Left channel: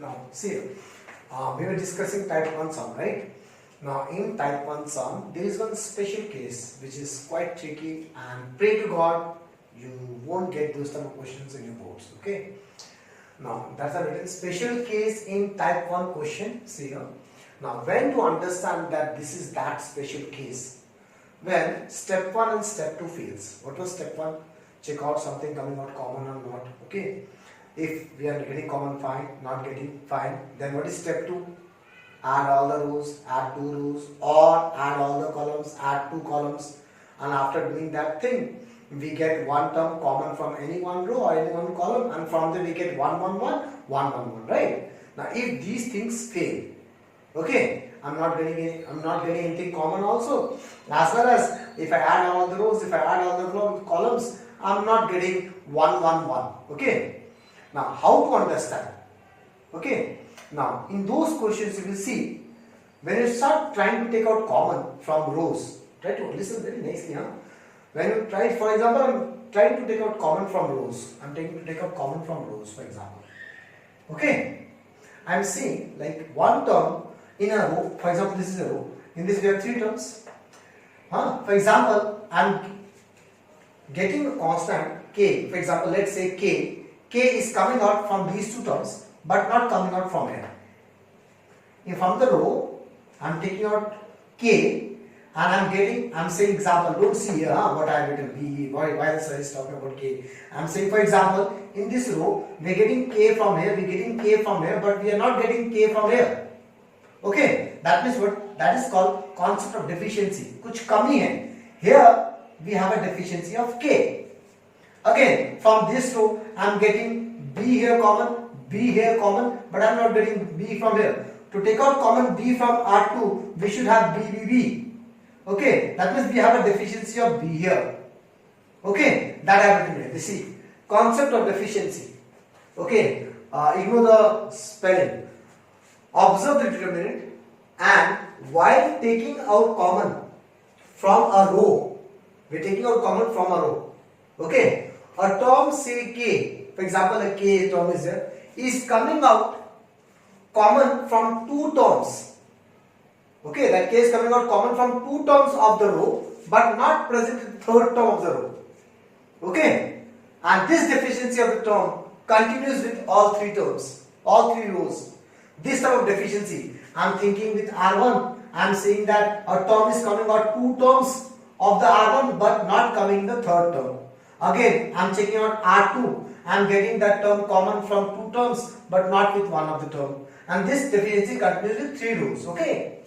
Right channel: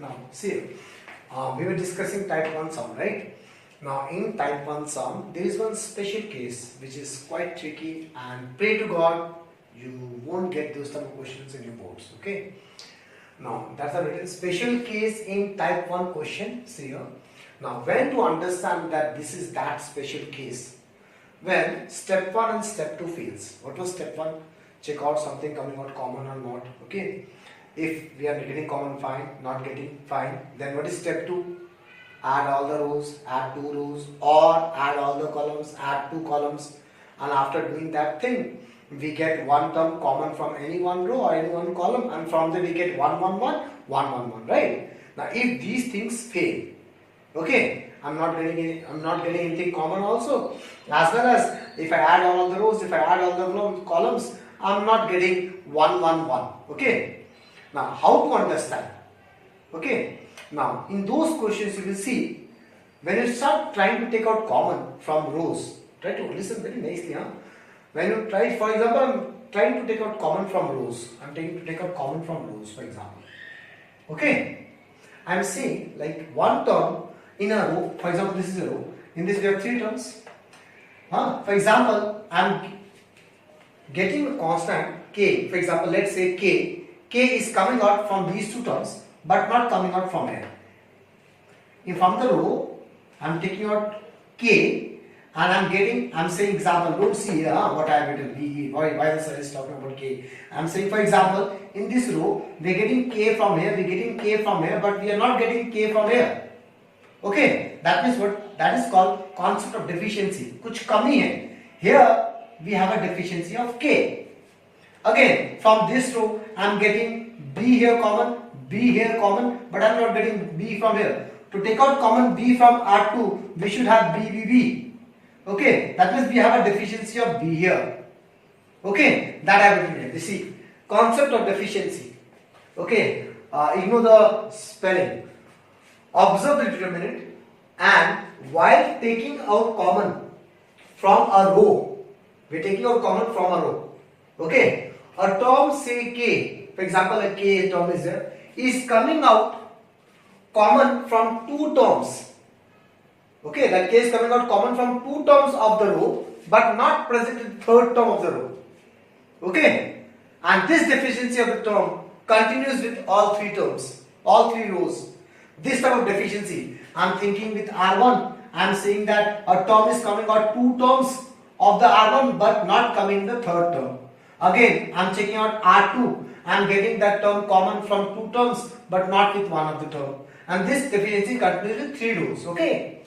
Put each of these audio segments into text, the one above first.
Now, see, we were discussing type 1 sum, right? Now, in type 1 sum, there is one special case which is quite tricky, and pray to God you won't get those type of questions in your boards, okay? Now, that's a little special case in type 1 question. See here. Now, when to understand that this is that special case? When step 1 and step 2 fails. What was step 1? Check out something coming out common or not, okay? If we are getting common, fine. Not getting, fine. Then what is step 2? Add all the rows, add 2 rows, or add all the columns, add 2 columns. And after doing that thing, we get one term common from any one row or any one column, and from there we get 1, 1, 1, 1, 1, 1, right? Now, if these things fail, okay, I'm not getting anything common also, as well as if I add all the rows, if I add all the columns, I'm not getting 1, 1, 1, okay? Now, how to understand? Okay, now in those questions you will see, when you start trying to take out common from rows, try to listen very nicely, huh? When you try, for example, I'm trying to take out common from rows. I'm trying to take out common from rows, for example. Okay, I'm saying like one term in a row. For example, this is a row. In this we have 3 terms. For example, I'm getting a constant k. For example, let's say k. K is coming out from these 2 terms, but not coming out from here. If from the row, I'm taking out k. And I'm saying example, don't see here what I have written, B, why the sir is talking about K. I'm saying, for example, in this row, we're getting K from here, we're getting K from here, but we are not getting K from here. Okay, that means what? That is called concept of deficiency. Kuch kami hai. Here, we have a deficiency of K. Again, from this row, I'm getting B here common, B here common, but I'm not getting B from here. To take out common B from R2, we should have B, B, B. Okay, that means we have a deficiency of B here. Okay, that I have written here. You see, concept of deficiency. Okay, ignore the spelling. Observe the determinant, and while taking out common from a row, we are taking out common from a row. Okay, a term say K, for example, a K term is there, is coming out common from 2 terms. Okay, that K is coming out common from 2 terms of the row, but not present in 3rd term of the row. Okay, and this deficiency of the term continues with all 3 terms, all 3 rows. This type of deficiency, I'm thinking with R1, I'm saying that a term is coming out 2 terms of the R1, but not coming in the 3rd term. Again, I'm checking out R2, I'm getting that term common from 2 terms, but not with one of the term. And this deficiency continues with 3 rows. Okay.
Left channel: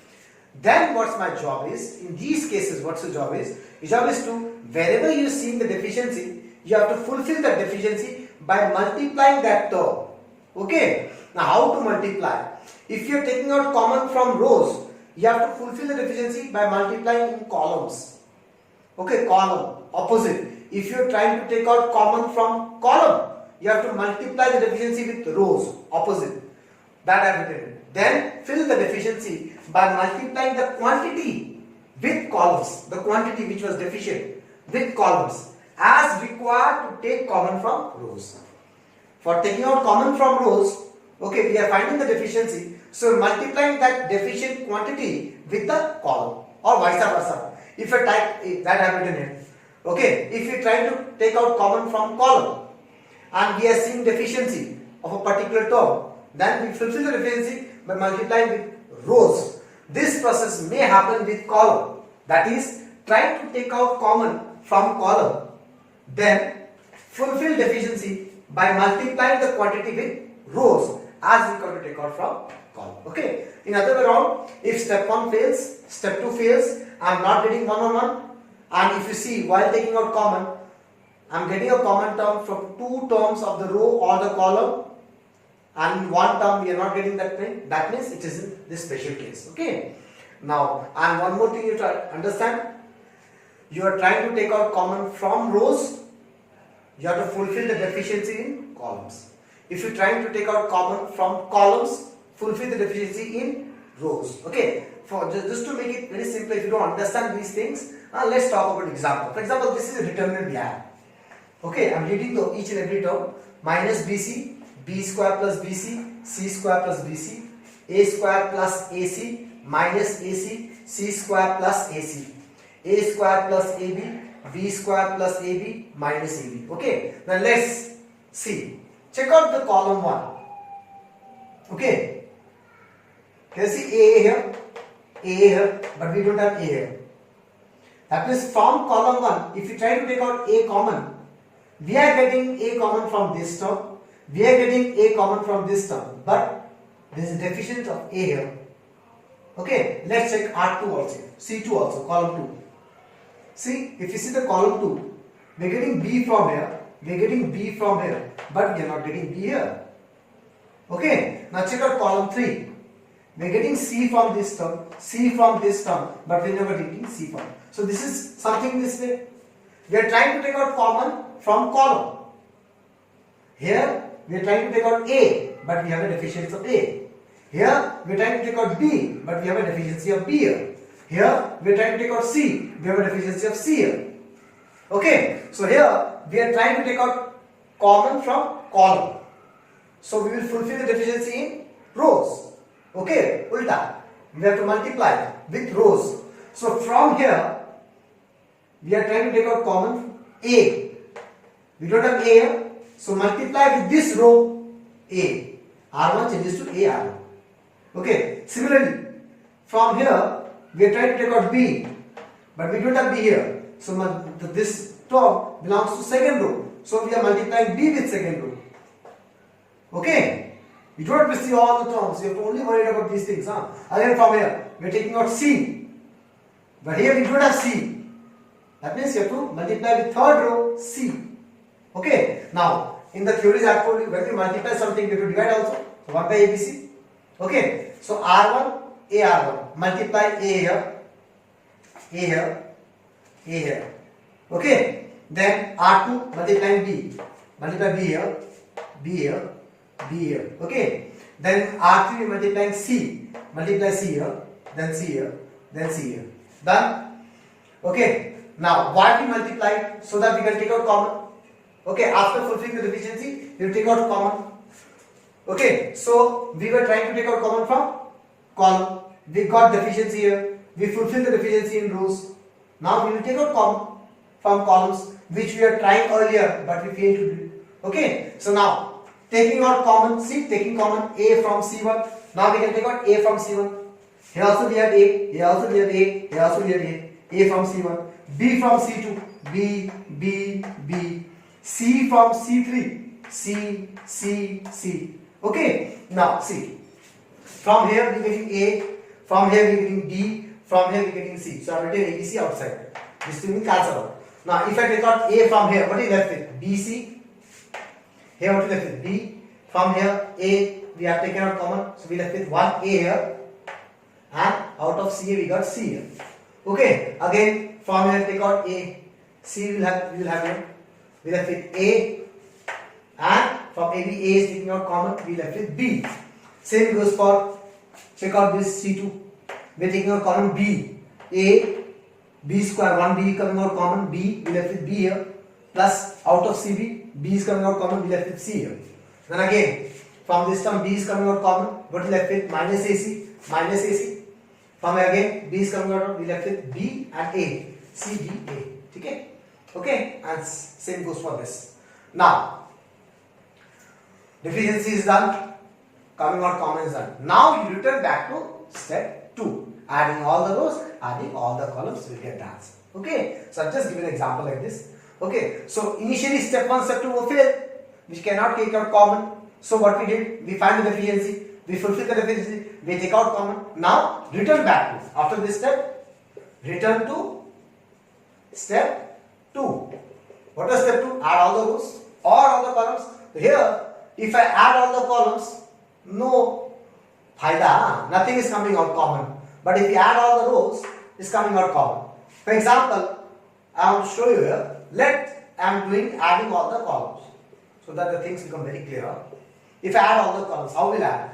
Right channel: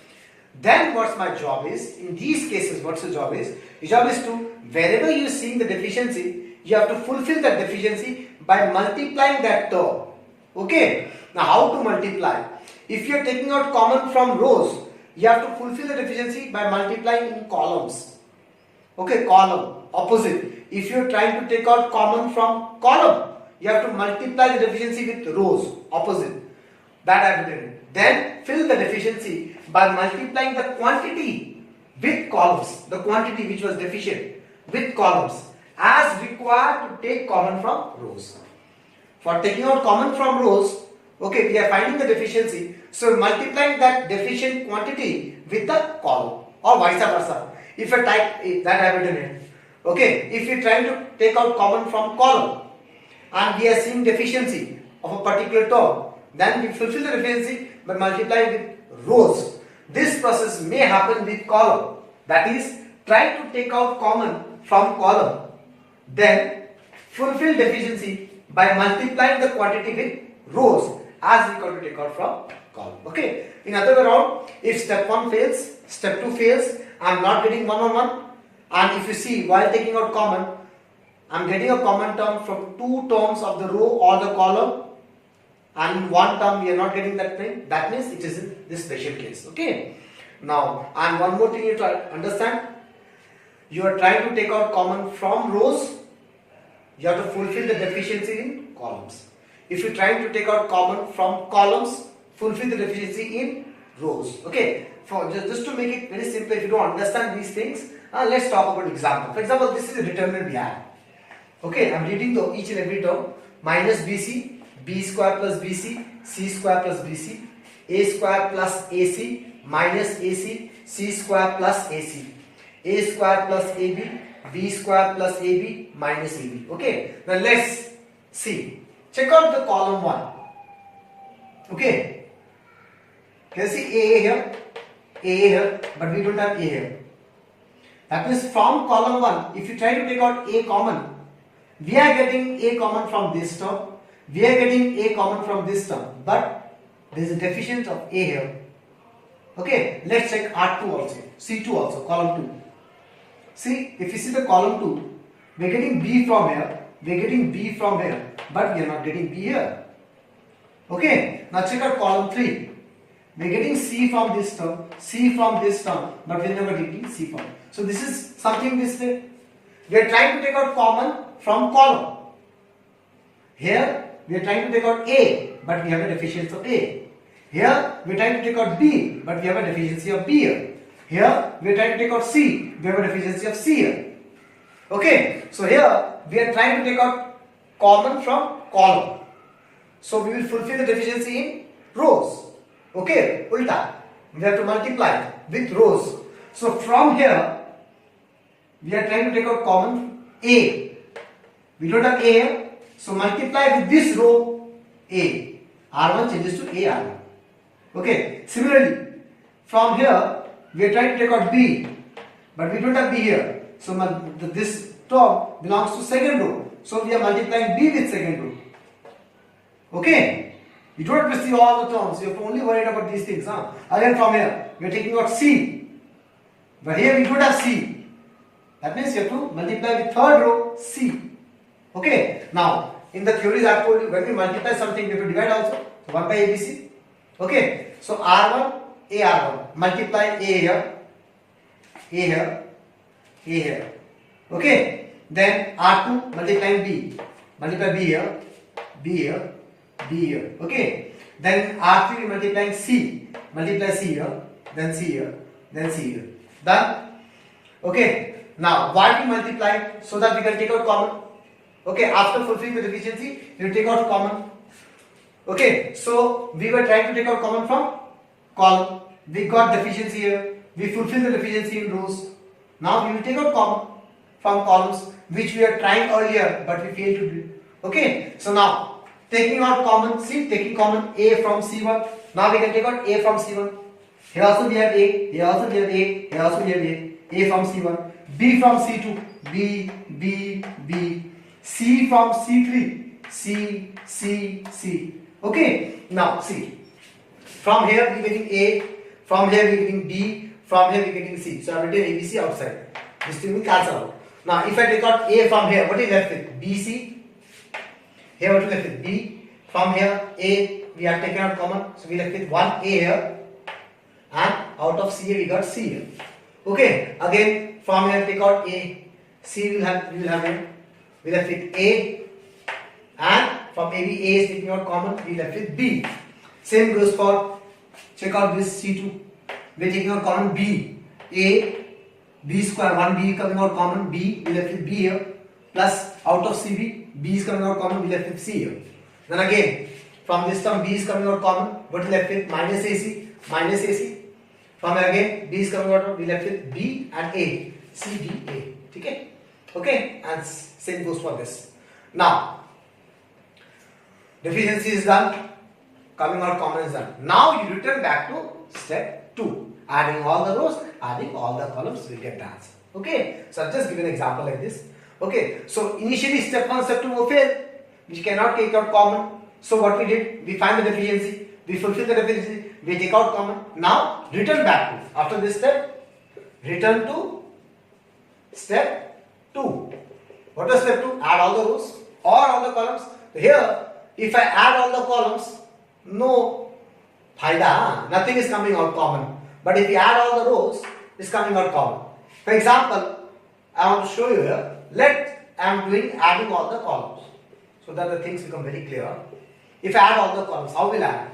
Then what's my job is, in these cases, what's the job is? The job is to, wherever you see the deficiency, you have to fulfill that deficiency by multiplying that term. Okay? Now how to multiply? If you are taking out common from rows, you have to fulfill the deficiency by multiplying in columns. Okay, column, opposite. If you are trying to take out common from column, you have to multiply the deficiency with rows, opposite. That I have written. Then fill the deficiency by multiplying the quantity with columns, the quantity which was deficient with columns as required to take common from rows. For taking out common from rows, okay, we are finding the deficiency, so multiplying that deficient quantity with the column, or vice versa. If you type that I have written here, okay, if you are trying to take out common from column and we are seeing deficiency of a particular term, then we fulfill the deficiency by multiplying with rows. This process may happen with column, that is, try to take out common from column, then fulfill deficiency by multiplying the quantity with rows as we to take out from column. Okay, in other way around, if step 1 fails, step 2 fails, I am not getting 1 on 1, and if you see, while taking out common, I am getting a common term from 2 terms of the row or the column, and in 1 term we are not getting that thing. That means it is in this special case. Okay. Now, and one more thing you try to understand. You are trying to take out common from rows. You have to fulfill the deficiency in columns. If you are trying to take out common from columns, fulfill the deficiency in rows. Okay. For just to make it very simple, if you don't understand these things, let's talk about example. For example, this is a determinant we have. Okay, I am reading each and every term. Minus BC. B square plus BC, C square plus BC, A square plus AC minus AC, C square plus AC, A square plus AB, B square plus AB minus AB. Okay, now let's see. Check out the column 1. Okay, can you see A here, but we don't have A here. That means from column 1, if you try to take out A common, we are getting A common from this term, we are getting A common from this term, but there is a deficient of A here. Okay, let's check R2 also, C2 also, column 2. See, if you see the column 2, we are getting B from here, we are getting B from here, but we are not getting B here. Okay, now check out column 3. We are getting C from this term, C from this term, but we are never getting C from. So this is something missing. We are trying to take out common from column. Here we are trying to take out A, but we have a deficiency of A. Here we are trying to take out B, but we have a deficiency of B here. Here we are trying to take out C, we have a deficiency of C here. Okay, so here we are trying to take out common from column. So we will fulfill the deficiency in rows. Okay, ulta. We have to multiply with rows. So from here we are trying to take out common A. We don't have A here, so multiply with this row A. R1 changes to A R1. Okay, similarly from here we are trying to take out B, but we don't have B here. So this term belongs to second row. So we are multiplying B with second row. Okay, you don't have to see all the terms. You have only worried about these things. Again from here we are taking out C, but here we don't have C. That means you have to multiply with third row C. Okay, now in the theories I have told you, when we multiply something we have to divide also. So 1 by ABC. Okay, so R1, A R1, multiply A here, A here, A here. Okay, then R2 multiplying B, multiply B here, B here, B here. Okay, then R3 multiplying C, multiply C here, then C here, then C here. Done? Okay, now why we multiply? So that we can take out common. Okay, after fulfilling the deficiency, we will take out common. Okay, so we were trying to take out common from column. We got deficiency here. We fulfill the deficiency in rows. Now we will take out common from columns, which we are trying earlier, but we failed to do. Okay, so now taking out common, see, taking common A from C1. Now we can take out A from C1. Here also we have A. Here also we have A. Here also we have A. A from C1. B from C2. B, B, B. C from C3. C, C, C. Okay, now see, from here we are getting A, from here we are getting B, from here we are getting C. So I am written ABC outside. This thing will cancel out. Now if I take out A from here, what is left with? BC. Here what is left with? B. From here A, we have taken out common. So we left with 1A here. And out of C we got C here. Okay, again from here take out A. C we will have here. We left with A. And from AB, A is taking out common, we left with B. Same goes for, check out this C2. We are taking out common B. A, B square, 1B coming out common, B, we left with B here. Plus out of CB, B is coming out common, we left with C here. Then again, from this term, B is coming out common, what we left with? Minus AC, minus AC. From here again, B is coming out, we left with B and A. C, B, A. Okay? Okay? And same goes for this. Now, deficiency is done, coming out common is done. Now you return back to step 2. Adding all the rows, adding all the columns will get the answer. Okay, so I've just given an example like this. Okay, so initially step 1, step 2 will fail, which cannot take out common. So what we did, we find the deficiency, we fulfill the deficiency, we take out common. Now return back to, after this step, return to step 2. What is step 2? Add all the rows or all the columns. Here, if I add all the columns, no faida, nothing is coming out common. But if you add all the rows, it's coming out common. For example, I want to show you here. I am doing adding all the columns, so that the things become very clear. If I add all the columns, how will I add?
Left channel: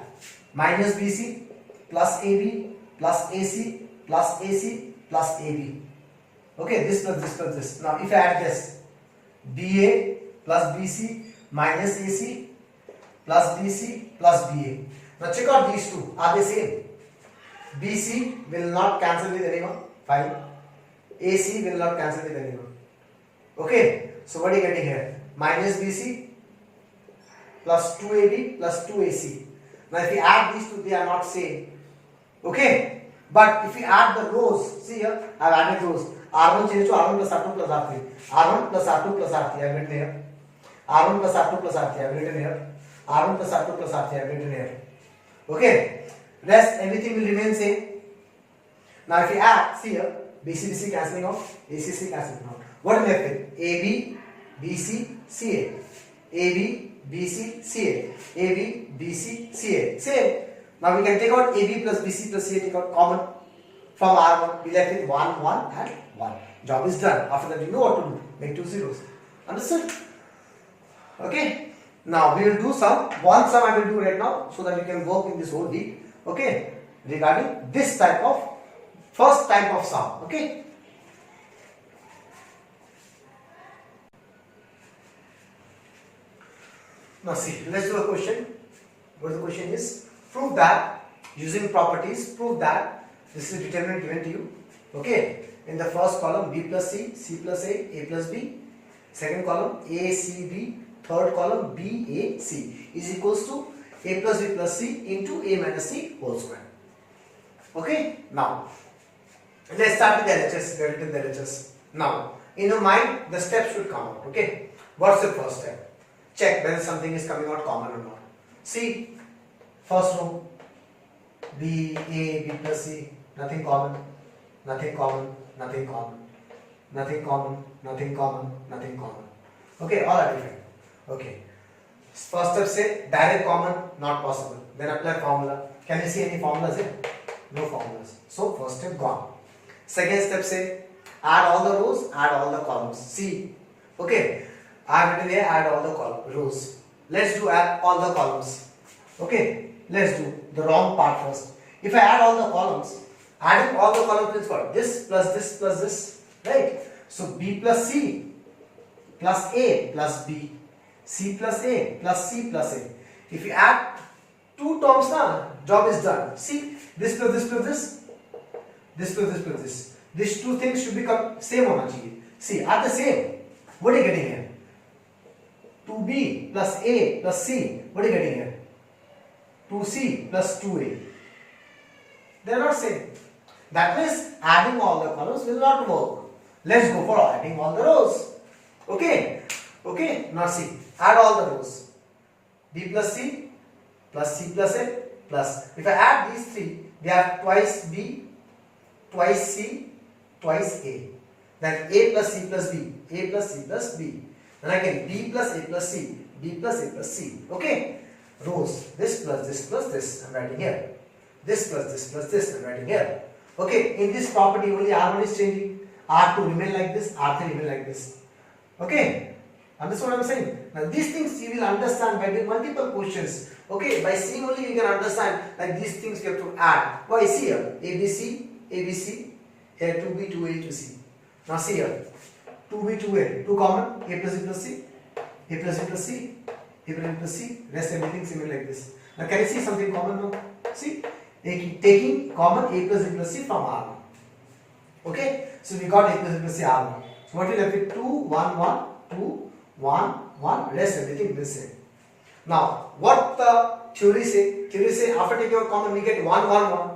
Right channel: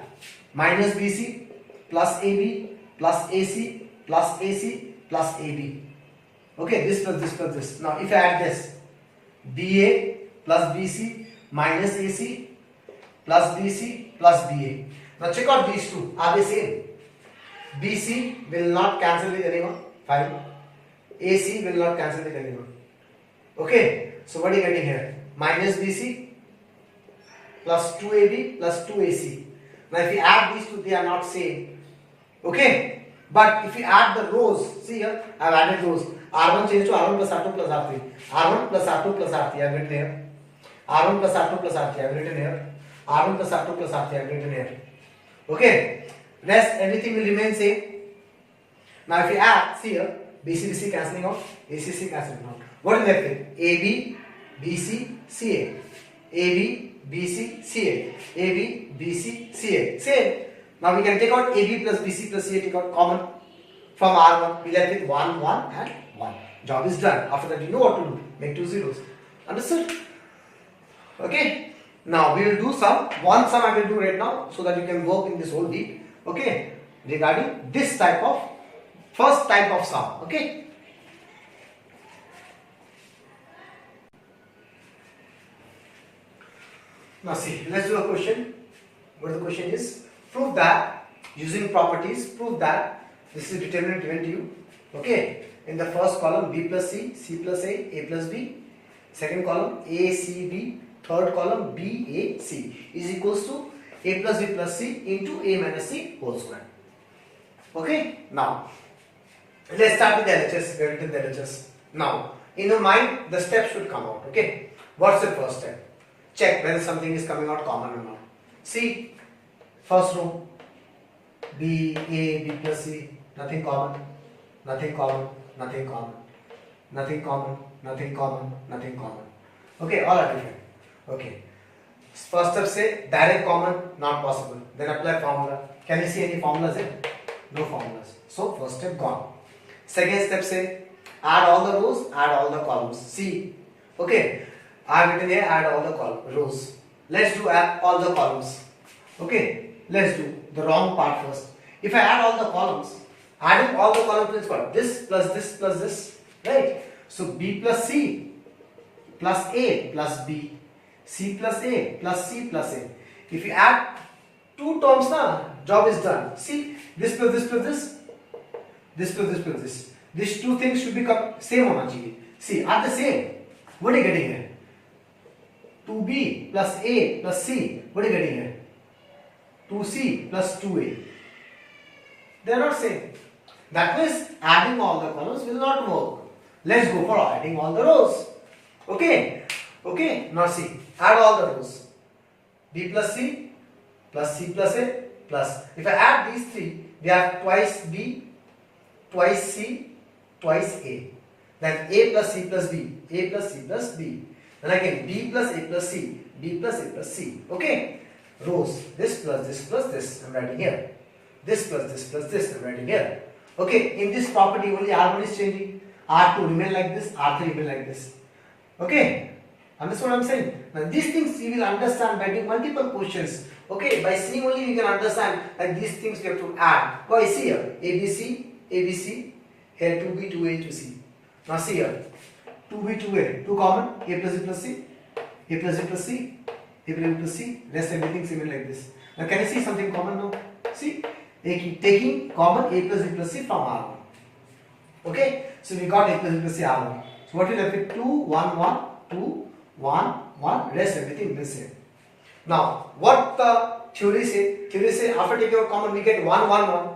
Minus BC plus AB plus AC plus AC plus AB. Okay, this plus this plus this. Now if I add this, BA plus BC minus AC plus BC plus BA. Now check out these two. Are they same? BC will not cancel with anyone. Fine. AC will not cancel with anyone. Okay. So what are you getting here? Minus BC plus 2AB plus 2AC. Now if you add these two, they are not same. Okay. But if you add the rows, see here, I have added rows. R1 changes to R1 plus R2 plus R3. R1 plus R2 plus R3, I have written here. R1 plus R2 plus R3, I have written here. R1 plus R2 plus R3, I have written here. Okay. Rest, everything will remain same. Now if you add, see here, BC cancelling out, ACC cancelling out. What is left with? AB, BC, CA. AB, BC, CA. AB, BC, CA. Same. Now we can take out AB plus BC plus CA, take out common from R1. We left with 1, 1 and 1. Job is done. After that you know what to do. Make 2 zeros. Understood? Okay. Now we will do one sum I will do right now so that we can work in this whole week. Okay. Regarding this type of, first type of sum. Okay. Now see, let's do a question. What the question is? Prove that, using properties, prove that this is determinant given to you. Okay. In the first column, B plus C, C plus A plus B. Second column, A, C, B. Third column, B, A, C is equals to A plus B plus C into A minus C whole square. Okay. Now, let's start with the LHS. Get into the LHS. Now, in your mind, the steps should come out. Okay. What's the first step? Check whether something is coming out common or not. See, first row, B, A, B plus C, nothing common, nothing common, nothing common, nothing common, nothing common, nothing common. Okay, all are different. Okay. First step say direct common, not possible. Then apply formula. Can you see any formulas here? No formulas. So first step gone. Second step say add all the rows, add all the columns. See, okay. I have written here add all the rows. Let's do add all the columns. Okay, let's do the wrong part first. If I add all the columns, adding all the columns is what? This plus this plus this, right? So B plus C plus A plus B, C plus A plus C plus A. If you add two terms, job is done. See, this plus this plus this, this plus this plus this. These two things should become same on चाहिए. See, are the same. What are you getting here? 2B plus A plus C. What are you getting here? 2C plus 2A. They are not same. That means adding all the columns will not work. Let's go for adding all the rows. Okay. Okay. Now see. Add all the rows. B plus C plus C plus A plus. If I add these three, we have twice B, twice C, twice A. Then A plus C plus B. A plus C plus B. Then again B plus A plus C. B plus A plus C. Okay. Rows. This plus this plus this. I'm writing here. This plus this plus this. I'm writing here. Okay. In this property only R1 is changing. R2 remain like this. R3 remain like this. Okay. Understand what I'm saying? Now these things you will understand by doing multiple questions. Okay. By seeing only you can understand like these things you have to add. Why see here? ABC, ABC. Here 2B, 2A, 2C. Now see here. 2B, 2A. 2 common. A plus B plus C. A plus B plus C. A plus B plus C. Rest everything similar like this. Now can you see something common now? See? Taking common A plus B plus C from R1. Okay? So we got A plus B plus C R1. So what is left with 2, 1, 1, 2, 1, 1. Rest everything will same. Now what the theory say? Theory say after taking out common we get 1, 1, 1.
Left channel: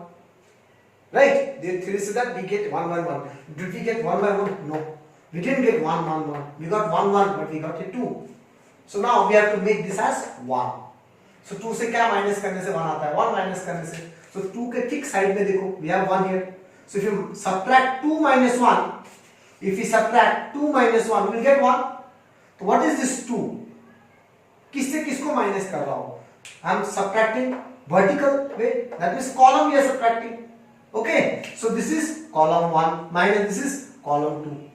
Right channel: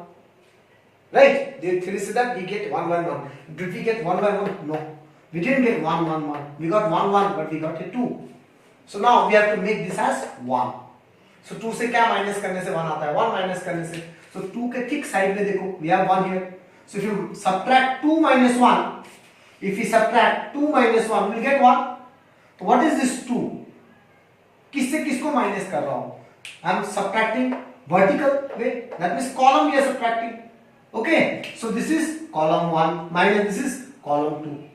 Right? The theory says that we get 1, 1, 1. Did we get 1, 1, 1? No. We didn't get 1, 1, 1. We got 1, 1 but we got a 2. So now we have to make this as 1. So 2 से क्या minus करने से 1 आता है? 1 minus करने से. So 2 के ठीक side में देखो, we have 1 here. So if you subtract 2 minus 1, if we subtract 2 minus 1, we will get 1. So what is this 2? किससे किसको minus कर रहा हूँ? I am subtracting vertical way. That means column we are subtracting. Okay. So this is column 1 minus this is column 2.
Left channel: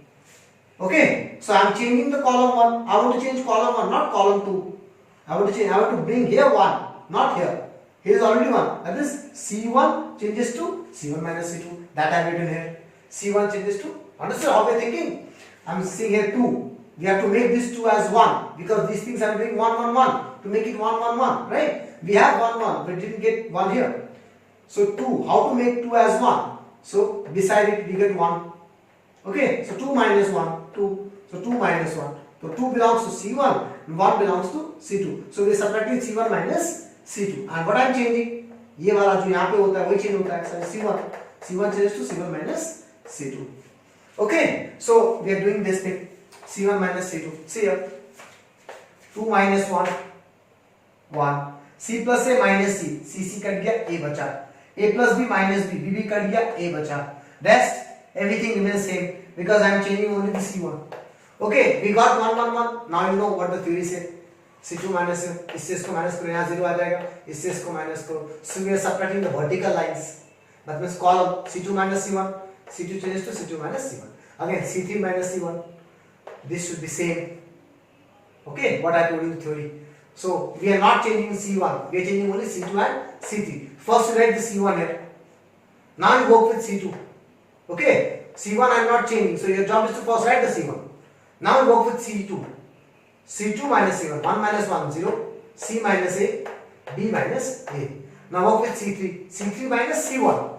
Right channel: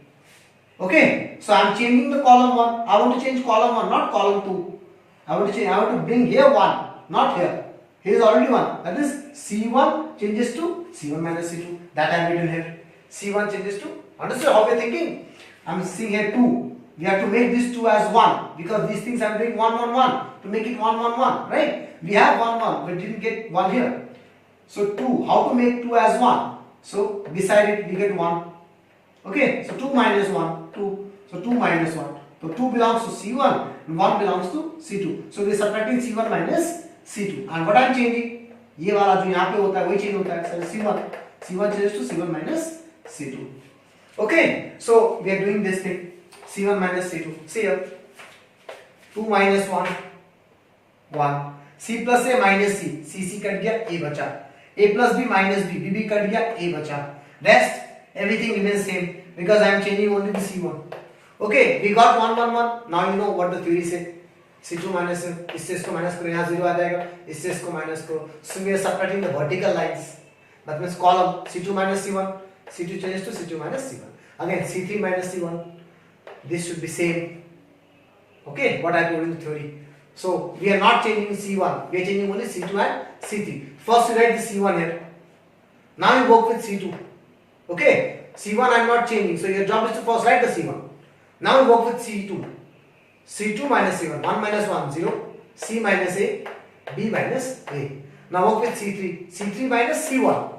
Okay, so I am changing the column 1. I want to change column 1, not column 2. I want to bring here 1, not here. Here is already 1. That is C1 changes to C1 minus C2. That I have written here. C1 changes to. Understand how we are thinking? I am seeing here 2. we have to make these two as 1 because these things are doing 1, 1, 1 to make it 1, 1, 1, right? We have 1, 1, but didn't get 1 here. So 2, how to make 2 as 1? So beside it we get 1. Okay, so 2 minus 1, 2. So 2 minus 1. So 2 belongs to C1 and 1 belongs to C2. So we are subtracting C1 minus C2. And what I am changing? ये वाला जो यहाँ पे होता है वही change होता है. So C1 changes to C1 minus C2. Okay, so we are doing this thing. C1 minus C2. See here. 2 minus 1, 1. C plus A minus C. C cut गया, A बचा. A plus B minus B. B cut गया, A बचा. Rest, everything remains same because I am changing only the C1. Okay, we got 1, 1, 1. Now you know what the theory says. C2 minus, इससे इसको minus करो, यहाँ 0 आ जाएगा, इससे इसको minus करो. So we are subtracting the vertical lines. That means column C2 minus C1. C2 changes to C2 minus C1. Again, C3 minus C1. This should be same. Okay, what I told you in the theory. So we are not changing C1. We are changing only C2 and C3. First, you write the C1 here. Now you work with C2. Okay, C1 I am not changing. So your job is to first write the C1. Now you work with C2. C2 minus C1. 1 minus 1, 0. C minus A. B minus A. Now work with C3. C3 minus C1.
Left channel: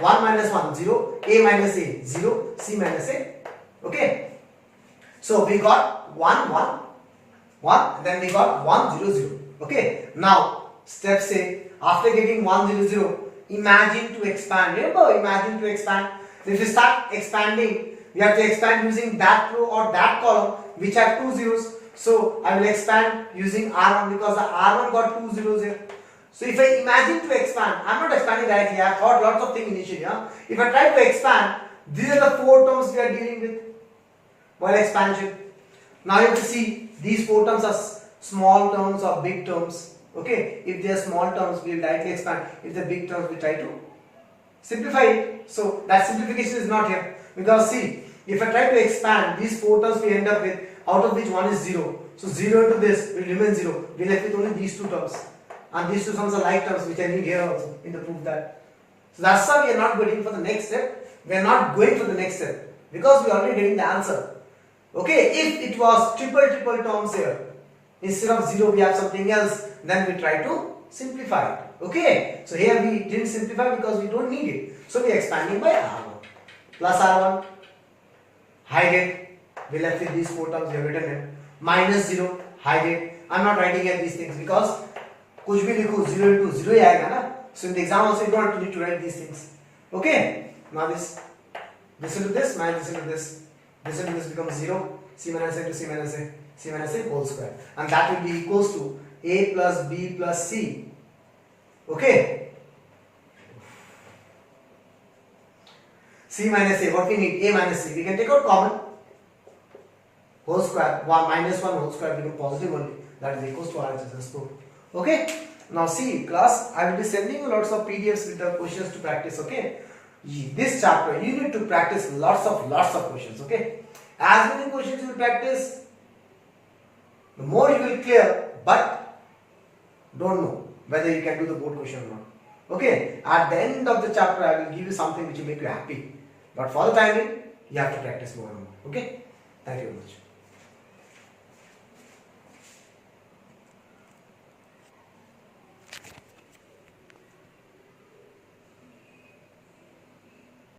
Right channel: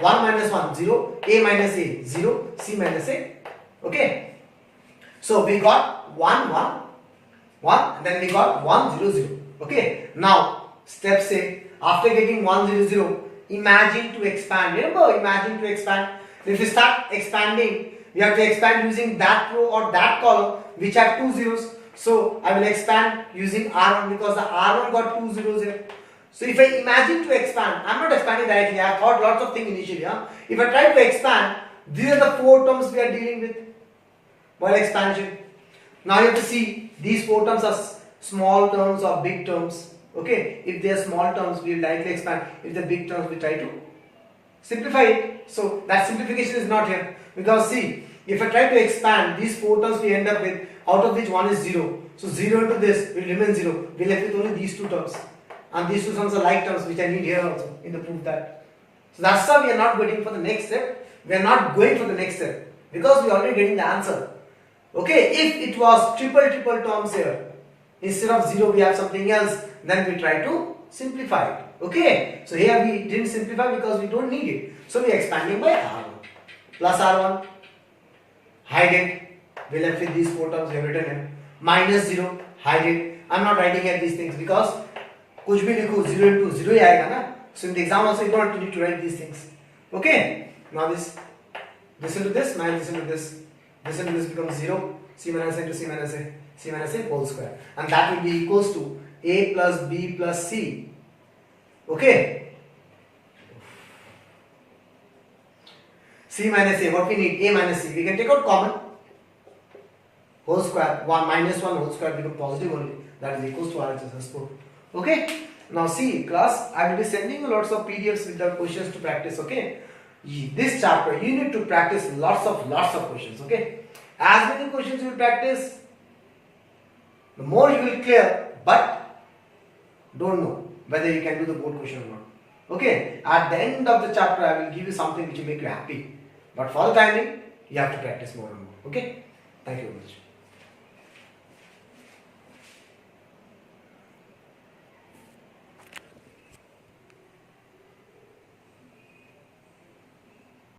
1 minus 1, 0. A minus A, 0. C minus A. Okay. So we got 1, 1, 1. Then we got 1, 0, 0. Okay. Now step say after getting 1, 0, 0, imagine to expand. Remember, imagine to expand. So if you start expanding, we have to expand using that row or that column which have 2 zeros. So I will expand using R1 because the R1 got 2 zeros here. So if I imagine to expand, I am not expanding directly. I have thought lots of things initially. If I try to expand, these are the 4 terms we are dealing with while expansion. Now you have to see these 4 terms are small terms or big terms. Okay, if they are small terms, we will directly expand. If they are big terms, we try to simplify it. So that simplification is not here because see, if I try to expand these 4 terms, we end up with out of which one is 0. So 0 into this will remain 0. We left with only these 2 terms. And these 2 terms are like terms which I need here also in the proof that. So that's why we are not going for the next step. We are not going for the next step because we are already getting the answer. Okay, if it was triple terms here, instead of 0 we have something else, then we try to simplify it. Okay, so here we didn't simplify because we don't need it. So we are expanding by R1 plus R1, hide it. We left with these 4 terms we have written in. Minus 0, hide it. I am not writing here these things because कुछ भी लिखो 0 into 0 ही आएगा ना. So in the exam also you don't need to write these things. Okay. Now this into this minus this into this. This into this becomes 0. C minus A into C minus A. C minus A whole square. And that will be equals to A plus B plus C. Okay. C minus A. What we need? A minus C. We can take out common. Whole square. 1 minus 1 whole square become positive only. That is equals to RHS square. Okay. Now see class, I will be sending you lots of PDFs with the questions to practice. Okay. This chapter you need to practice lots of questions. Okay. As many questions you will practice, the more you will clear. But don't know whether you can do the board question or not. Okay. At the end of the chapter, I will give you something which will make you happy. But for the timing, you have to practice more and more. Okay. Thank you very much.